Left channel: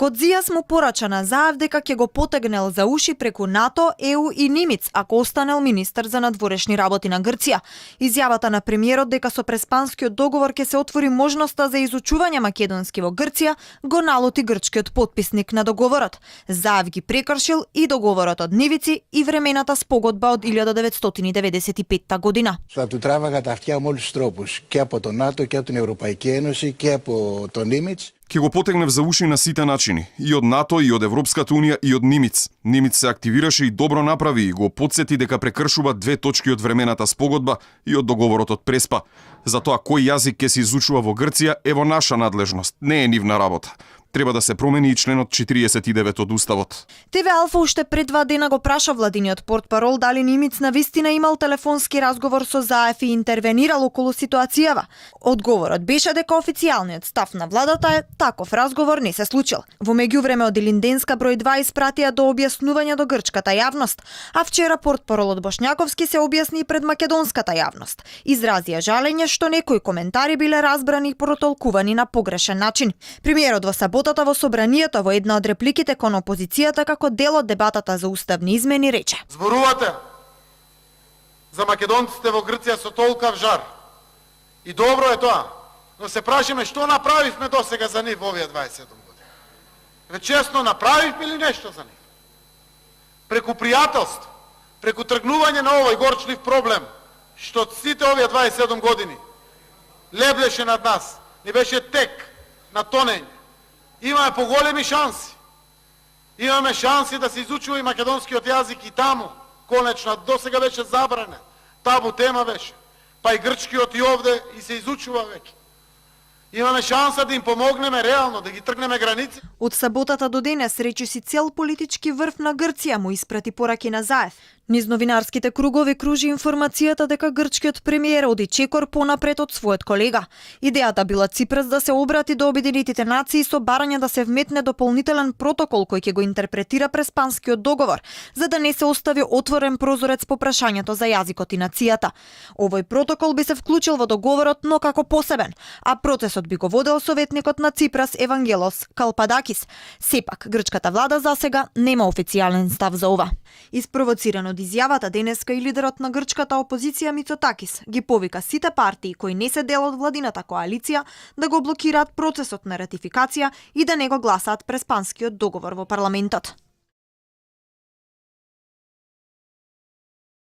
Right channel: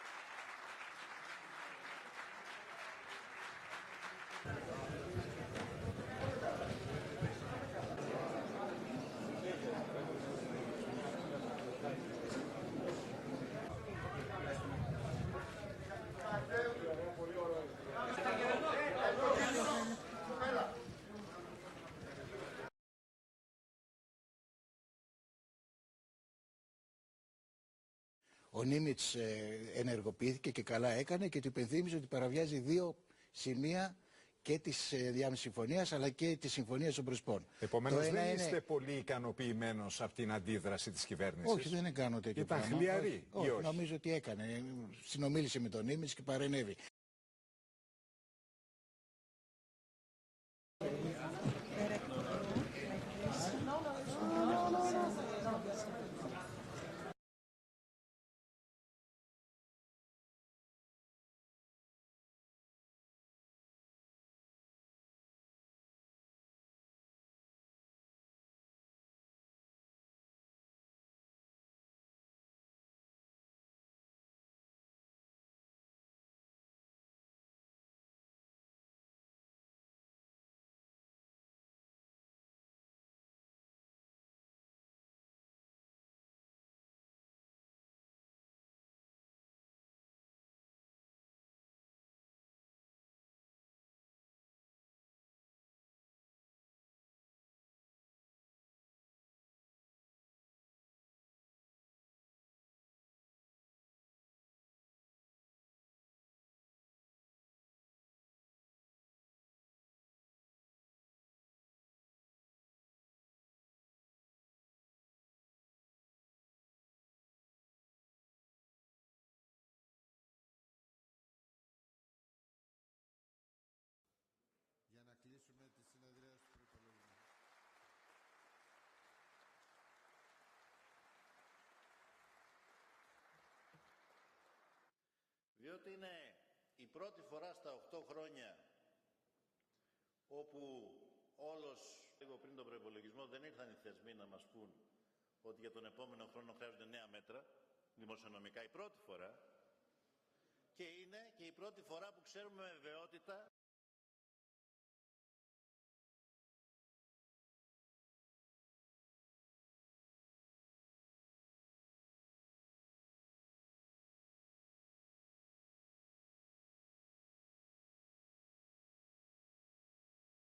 Кодзијас му порача на Заев дека ќе го потегнел за уши преку НАТО, ЕУ и Нимиц, ако останел министер за надворешни работи на Грција. Изјавата на премиерот дека со Преспанскиот договор ќе се отвори можноста за изучување македонски во Грција го налоти грчкиот потписник на договорот. Заев ги прекршил и договорот од Нивици и времената спогодба од 1995 година. Θα του τράβαγα τα αυτιά με όλους τους τρόπους, και από το ΝΑΤΟ και από την Ευρωπαϊκή Ένωση και από το Νίμιτς. Ќе го потегнев за уши на сите начини, и од НАТО, и од Европската унија, и од Нимиц. Нимиц се активираше и добро направи и го потсети дека прекршува две точки од времената спогодба и од договорот од Преспа. Затоа кој јазик ќе се изучува во Грција е во наша надлежност, не е нивна работа. Треба да се промени и членот 49 од Уставот. ТВ Алфа уште пред 2 дена го праша владиниот портпарол дали Нимиц навистина имал телефонски разговор со Заев и интервенирал околу ситуацијава. Одговорот беше дека официјалниот став на владата е таков разговор не се случил. Во меѓувреме од Илинденска број 2 испратија до објаснување до грчката јавност, а вчера портпаролот Бошњаковски се објасни пред македонската јавност. Изразија жалење што некои коментари биле разбрани и протолкувани на погрешен начин. Премиерот во саботата во собранието во една од репликите кон опозицијата како дел од дебатата за уставни измени рече: Зборувате за македонците во Грција со толкав жар. И добро е тоа, но се прашиме што направивме досега за нив во овие 27 години. Честно, направивме ли нешто за нив? Преку пријателство, преку тргнување на овој горчлив проблем, што сите овие 27 години леблеше над нас, ни беше тек на тонење. Имаме поголеми шанси. Имаме шанси да се изучува и македонскиот јазик и таму. Конечно, досега беше забранен. Табу тема беше. Па и грчкиот и овде и се изучува веќе. Имаме шанса да им помогнеме реално, да ги тргнеме граници. Од саботата до денес речиси цел политички врв на Грција му испрати пораки на Заев. Низ новинарските кругови кружи информацијата дека грчкиот премиер оди чекор понапред од својот колега. Идејата била Ципрас да се обрати до Обединетите нации со барање да се вметне дополнителен протокол кој ќе го интерпретира Преспанскиот договор, за да не се остави отворен прозорец по прашањето за јазикот и нацијата. Овој протокол би се вклучил во договорот, но како посебен, а процесот би го водел советникот на Ципрас Евангелос Калпадакис. Сепак, грчката влада засега нема официјален став за ова. Испровоциран од изјавата денеска и лидерот на грчката опозиција Мицотакис ги повика сите партии кои не се дел од владината коалиција да го блокираат процесот на ратификација и да не го гласаат Преспанскиот договор во парламентот.